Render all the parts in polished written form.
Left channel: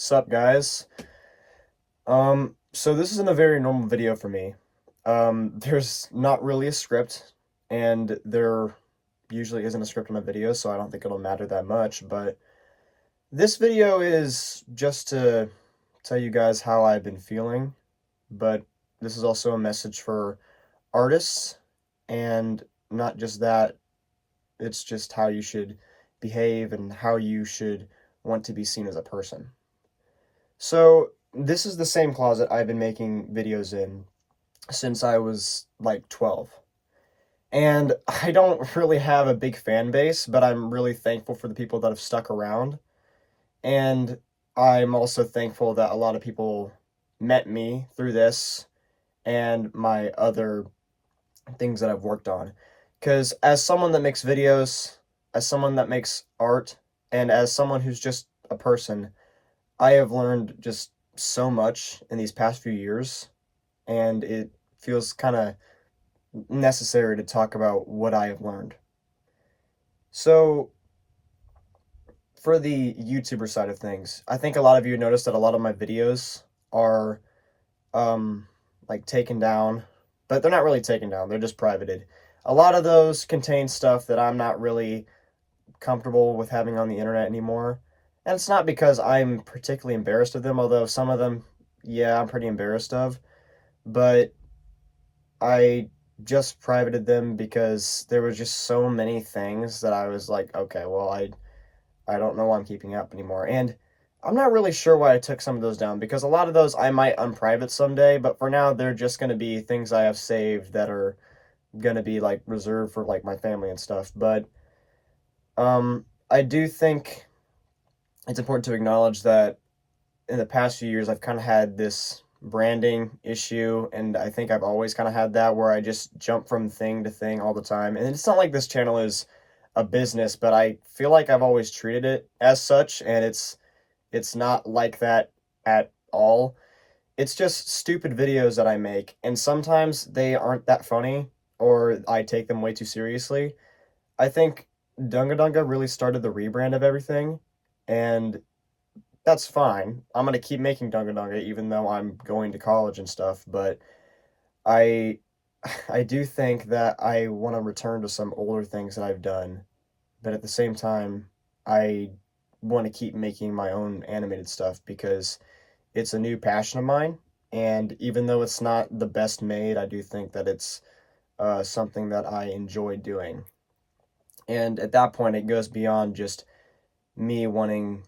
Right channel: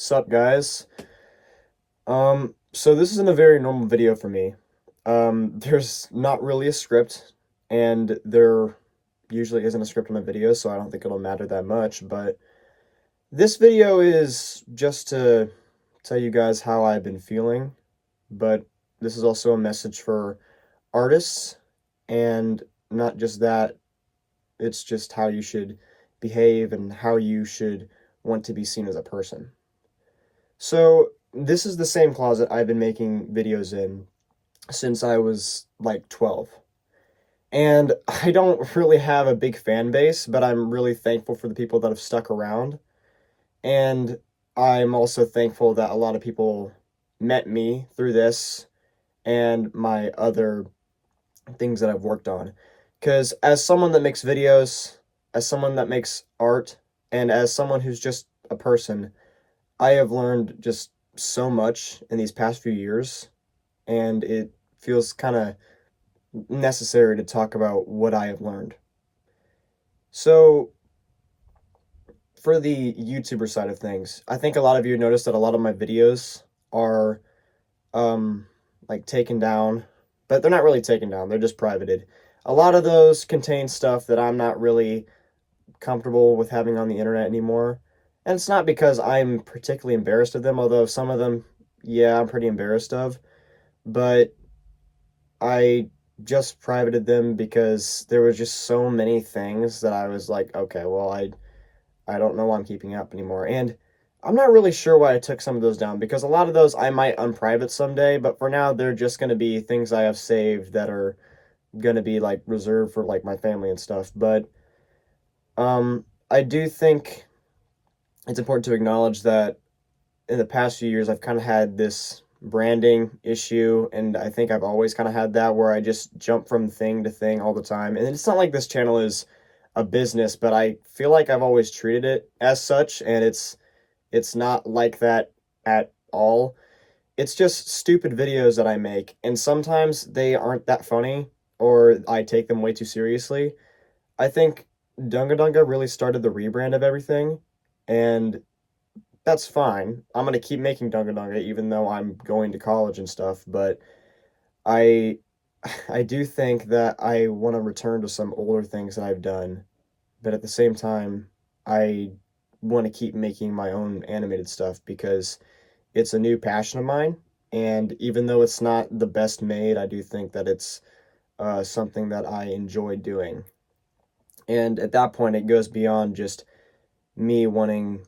Sup, guys? So this isn't a very normal video for me. There's not really a script, and there usually isn't a script on a video, so I don't think it'll matter that much, but this video is just to tell you guys how I've been feeling, but this is also a message for artists, and not just that, it's just how you should behave and how you should want to be seen as a person. So this is the same closet I've been making videos in since I was like 12. And I don't really have a big fan base, but I'm really thankful for the people that have stuck around. And I'm also thankful that a lot of people met me through this and my other things that I've worked on. Because as someone that makes videos, as someone that makes art, and as someone who's just a person, I have learned just so much in these past few years, and it feels kind of necessary to talk about what I have learned. So, for the YouTuber side of things, I think a lot of you noticed that a lot of my videos are um like taken down, but they're not really taken down, they're just privated. A lot of those contain stuff that I'm not really comfortable with having on the internet anymore. And it's not because I'm particularly embarrassed of them, although some of them, yeah, I'm pretty embarrassed of. But I just privated them because there was just so many things that I was like, okay, well, I don't know why I'm keeping up anymore. And I'm not really sure why I took some of those down because a lot of those I might unprivate someday, but for now they're just going to be things I have saved that are going to be like reserved for like my family and stuff. But I do think it's important to acknowledge that in the past few years, I've kind of had this branding issue, and I think I've always kind of had that where I just jump from thing to thing all the time. And it's not like this channel is a business, but I feel like I've always treated it as such, and it's not like that at all. It's just stupid videos that I make, and sometimes they aren't that funny, or I take them way too seriously. I think Dunga Dunga really started the rebrand of everything, and that's fine. I'm gonna keep making Dunga Dunga even though I'm going to college and stuff, but I I do think that I want to return to some older things that I've done, but at the same time, I want to keep making my own animated stuff because it's a new passion of mine, and even though it's not the best made, I do think that it's something that I enjoy doing. And at that point, it goes beyond just me wanting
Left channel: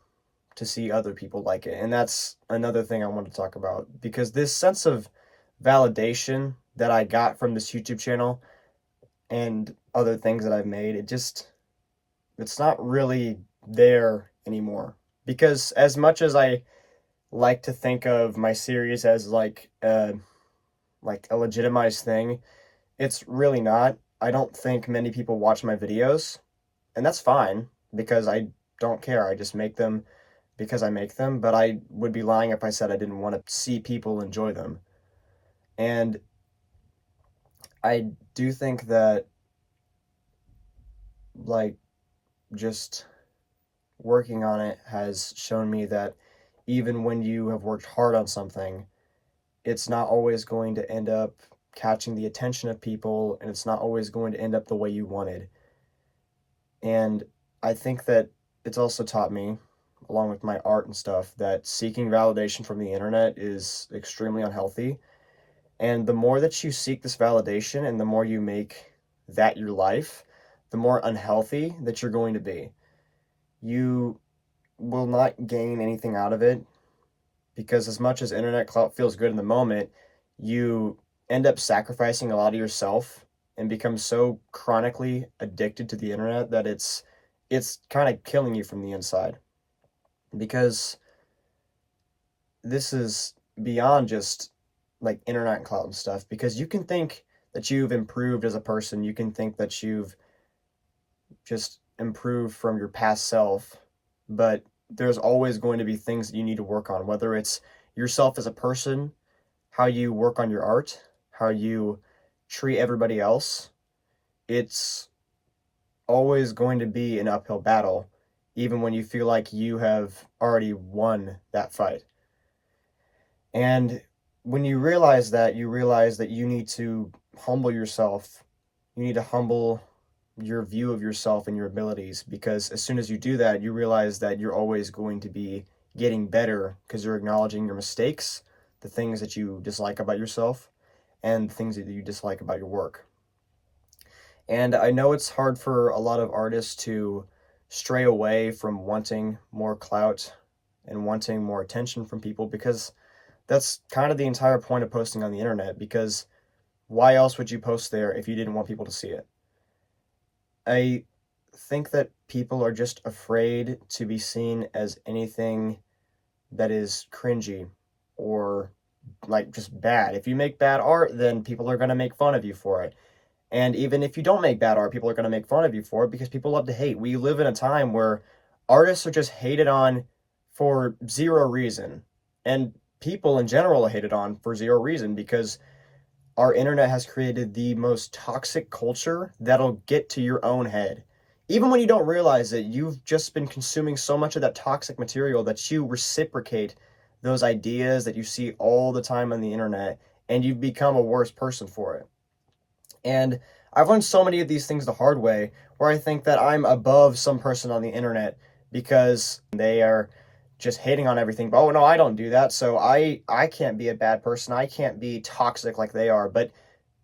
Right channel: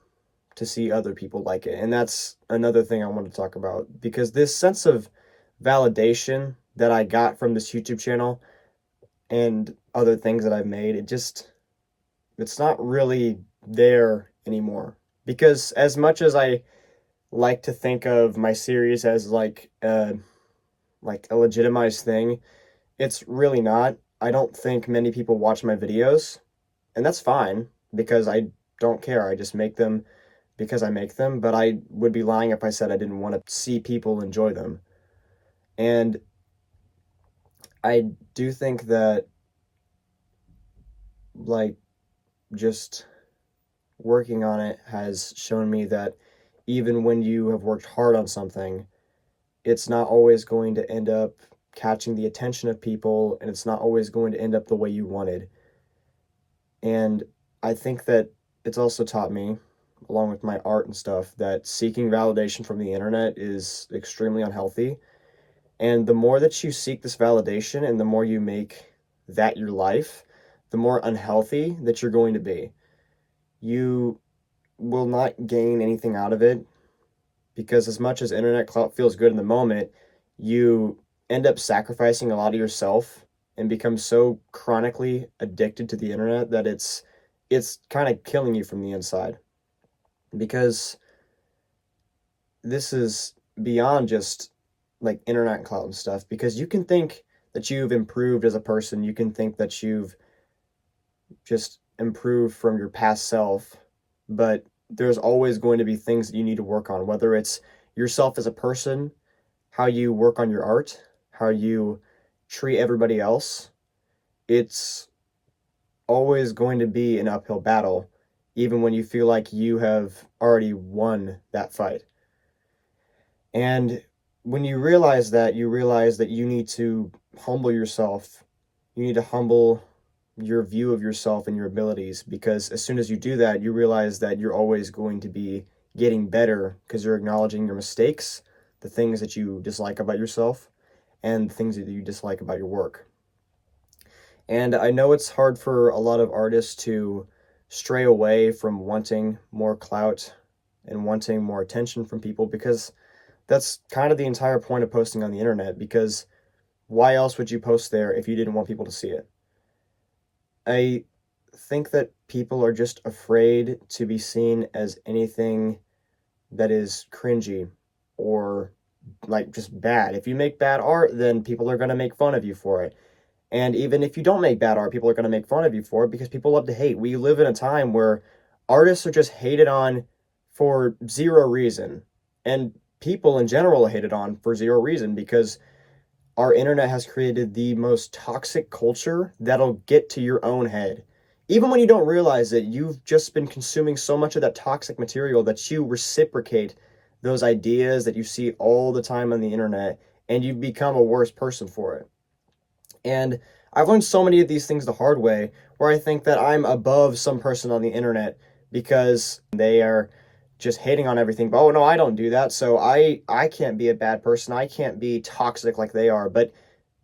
to see other people like it. And that's another thing I want to talk about because this sense of validation that I got from this YouTube channel and other things that I've made, it's not really there anymore. Because as much as I like to think of my series as like a legitimized thing, it's really not. I don't think many people watch my videos, and that's fine because I don't care. I just make them because I make them, but I would be lying if I said I didn't want to see people enjoy them. And I do think that, like, just working on it has shown me that even when you have worked hard on something, it's not always going to end up catching the attention of people, and it's not always going to end up the way you wanted. And I think that it's also taught me, along with my art and stuff, that seeking validation from the internet is extremely unhealthy. And the more that you seek this validation and the more you make that your life, the more unhealthy that you're going to be. You will not gain anything out of it because, as much as internet clout feels good in the moment, you end up sacrificing a lot of yourself and become so chronically addicted to the internet that it's kind of killing you from the inside because this is beyond just like internet and cloud and stuff because you can think that you've improved as a person. You can think that you've just improved from your past self, but there's always going to be things that you need to work on, whether it's yourself as a person, how you work on your art, how you treat everybody else. It's always going to be an uphill battle. even when you feel like you have already won that fight. And when you realize that, you realize that you need to humble yourself. You need to humble your view of yourself and your abilities, because as soon as you do that, you realize that you're always going to be getting better because you're acknowledging your mistakes, the things that you dislike about yourself, and the things that you dislike about your work. And I know it's hard for a lot of artists to stray away from wanting more clout and wanting more attention from people, because that's kind of the entire point of posting on the internet, because why else would you post there if you didn't want people to see it? I think that people are just afraid to be seen as anything that is cringy or like just bad. If you make bad art, then people are going to make fun of you for it. And even if you don't make bad art, people are going to make fun of you for it, because people love to hate. We live in a time where artists are just hated on for zero reason. And people in general are hated on for zero reason, because our internet has created the most toxic culture that'll get to your own head. Even when you don't realize it, you've just been consuming so much of that toxic material that you reciprocate those ideas that you see all the time on the internet, and you've become a worse person for it. And I've learned so many of these things the hard way, where I think that I'm above some person on the internet because they are just hating on everything. But, oh no, I don't do that, so I can't be a bad person. I can't be toxic like they are. But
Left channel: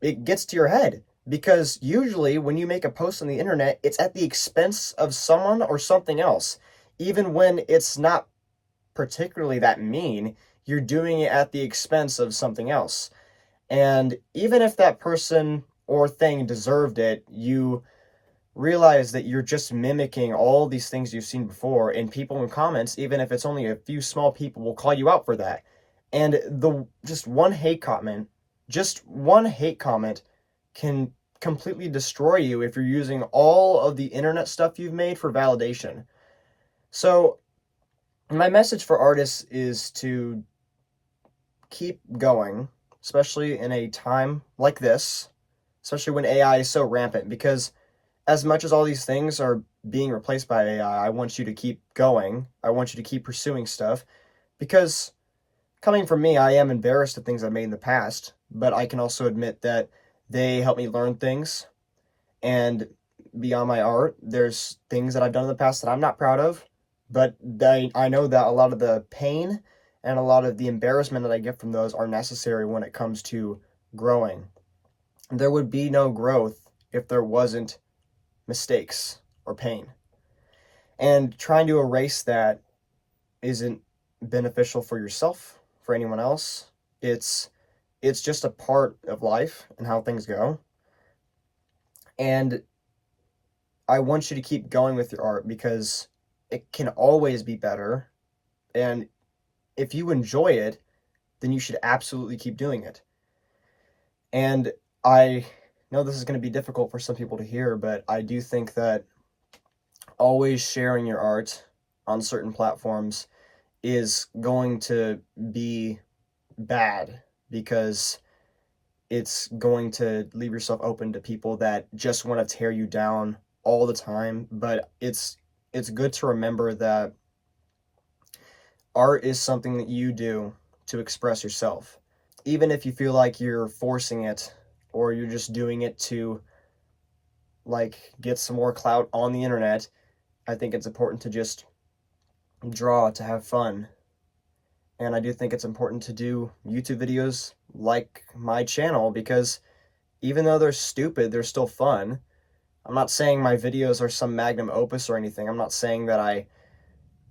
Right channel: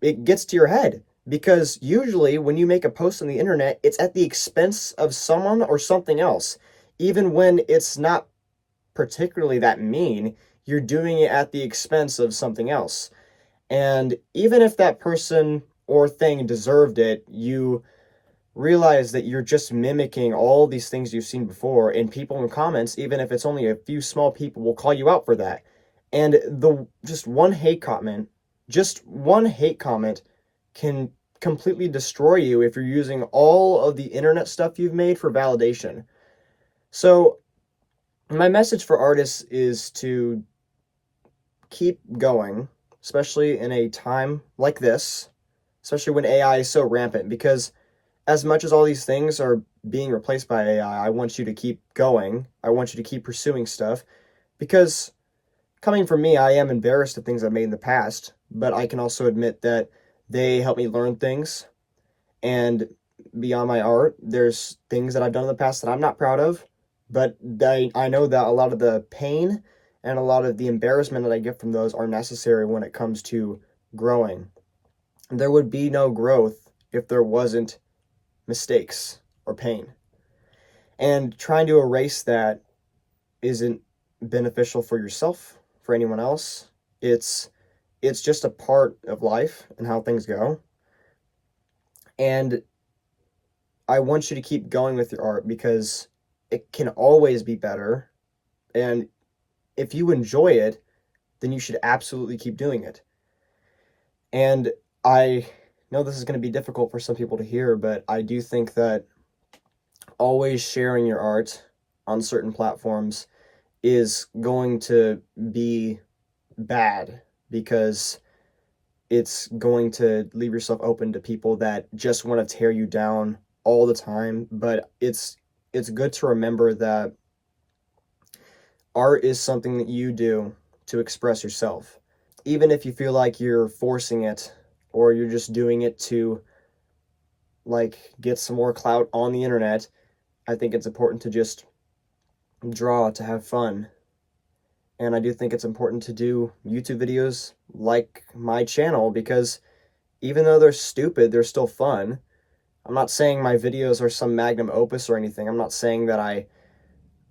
it gets to your head, because usually when you make a post on the internet, it's at the expense of someone or something else. Even when it's not particularly that mean, you're doing it at the expense of something else. And even if that person or thing deserved it, you realize that you're just mimicking all these things you've seen before, and people in comments, even if it's only a few small people, will call you out for that. And the just one hate comment can completely destroy you if you're using all of the internet stuff you've made for validation. So my message for artists is to keep going, especially in a time like this, especially when AI is so rampant, because as much as all these things are being replaced by AI, I want you to keep going. I want you to keep pursuing stuff, because coming from me, I am embarrassed of things I've made in the past, but I can also admit that they help me learn things. And beyond my art, there's things that I've done in the past that I'm not proud of, but I know that a lot of the pain and a lot of the embarrassment that I get from those are necessary when it comes to growing. There would be no growth if there wasn't mistakes or pain. And trying to erase that isn't beneficial for yourself, for anyone else. It's just a part of life and how things go. And I want you to keep going with your art, because it can always be better. And if you enjoy it, then you should absolutely keep doing it. And I know this is going to be difficult for some people to hear, but I do think that always sharing your art on certain platforms is going to be bad, because it's going to leave yourself open to people that just want to tear you down all the time. But it's good to remember that art is something that you do to express yourself. Even if you feel like you're forcing it, or you're just doing it to like get some more clout on the internet, I think it's important to just draw to have fun. And I do think it's important to do YouTube videos like my channel, because even though they're stupid, they're still fun. I'm not saying my videos are some magnum opus or anything. I'm not saying that I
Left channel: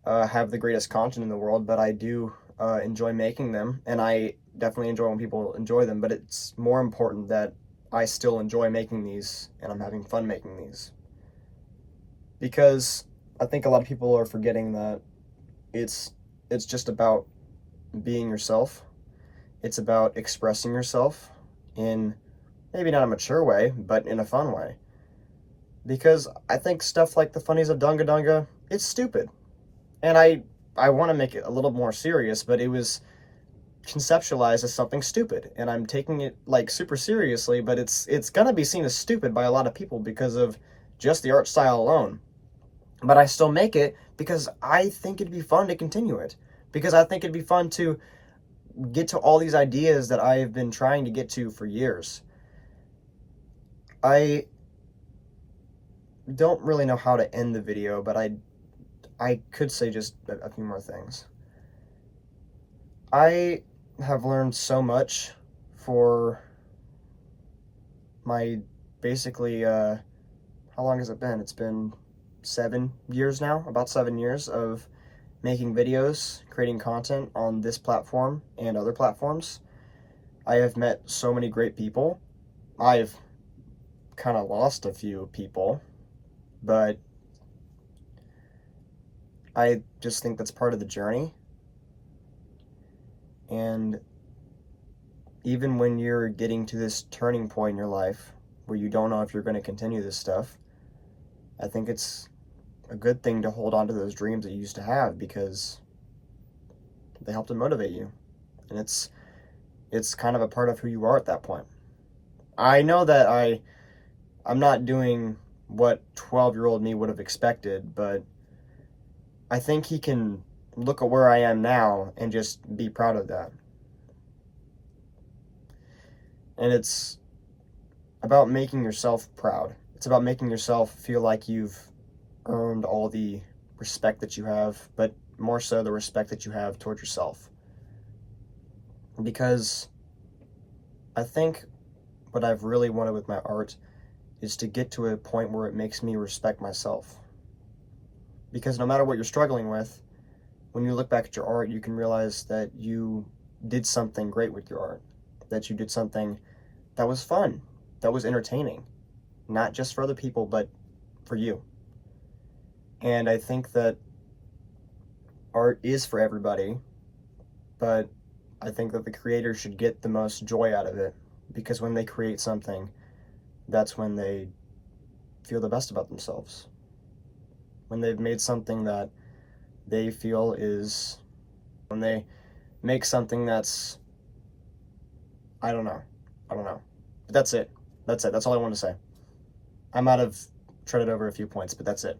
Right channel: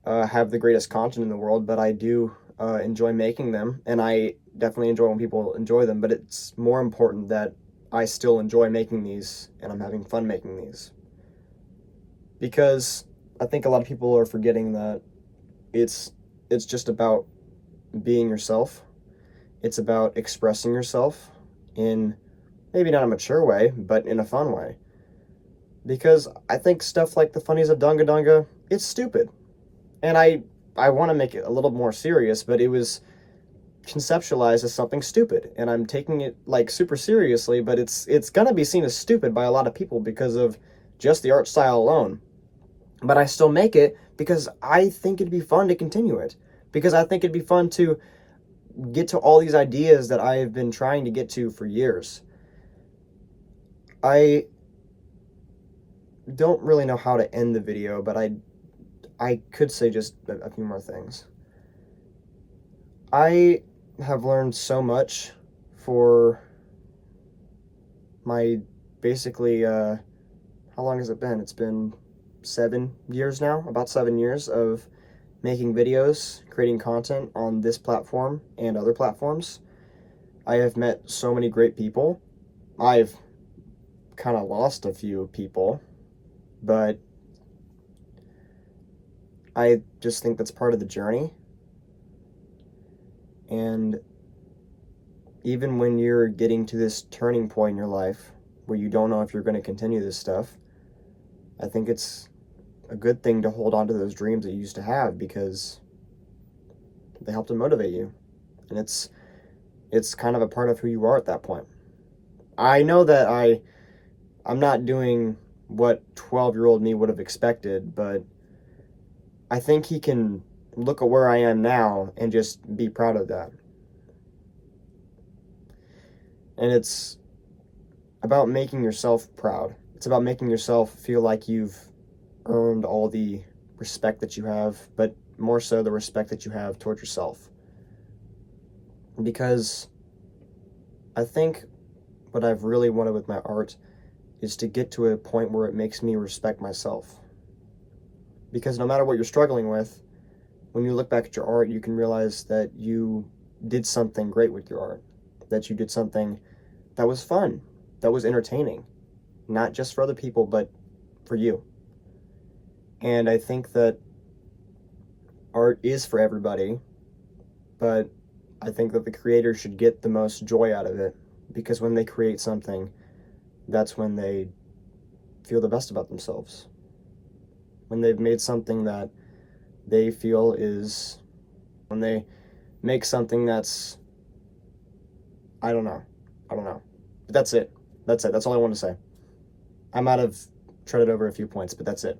have the greatest content in the world, but I do enjoy making them, and I definitely enjoy when people enjoy them. But it's more important that I still enjoy making these, and I'm having fun making these. Because I think a lot of people are forgetting that it's just about being yourself. It's about expressing yourself in maybe not a mature way, but in a fun way. Because I think stuff like the funnies of Dunga Dunga, it's stupid. And I want to make it a little more serious, but it was conceptualized as something stupid, and I'm taking it like super seriously, but it's gonna be seen as stupid by a lot of people because of just the art style alone. But I still make it because I think it'd be fun to continue it. Because I think it'd be fun to get to all these ideas that I've been trying to get to for years. I don't really know how to end the video, but I could say just a few more things. I have learned so much for my basically, how long has it been? It's been 7 years now, about 7 years of making videos, creating content on this platform and other platforms. I have met so many great people. I've kind of lost a few people, but I just think that's part of the journey. And even when you're getting to this turning point in your life where you don't know if you're going to continue this stuff, I think it's a good thing to hold on to those dreams that you used to have, because they help to motivate you. And it's kind of a part of who you are at that point. I know that I'm not doing what 12-year-old me would have expected, but I think he can look at where I am now and just be proud of that. And it's about making yourself proud. It's about making yourself feel like you've earned all the respect that you have, but more so the respect that you have towards yourself. Because I think what I've really wanted with my art is to get to a point where it makes me respect myself. Because no matter what you're struggling with, when you look back at your art, you can realize that you did something great with your art, that you did something that was fun, that was entertaining, not just for other people, but for you. And I think that art is for everybody, but I think that the creator should get the most joy out of it, because when they create something, that's when they feel the best about themselves. When they've made something that they feel is, when they make something that's, I don't know. But that's it. That's all I want to say. I might have treaded over a few points, but that's it.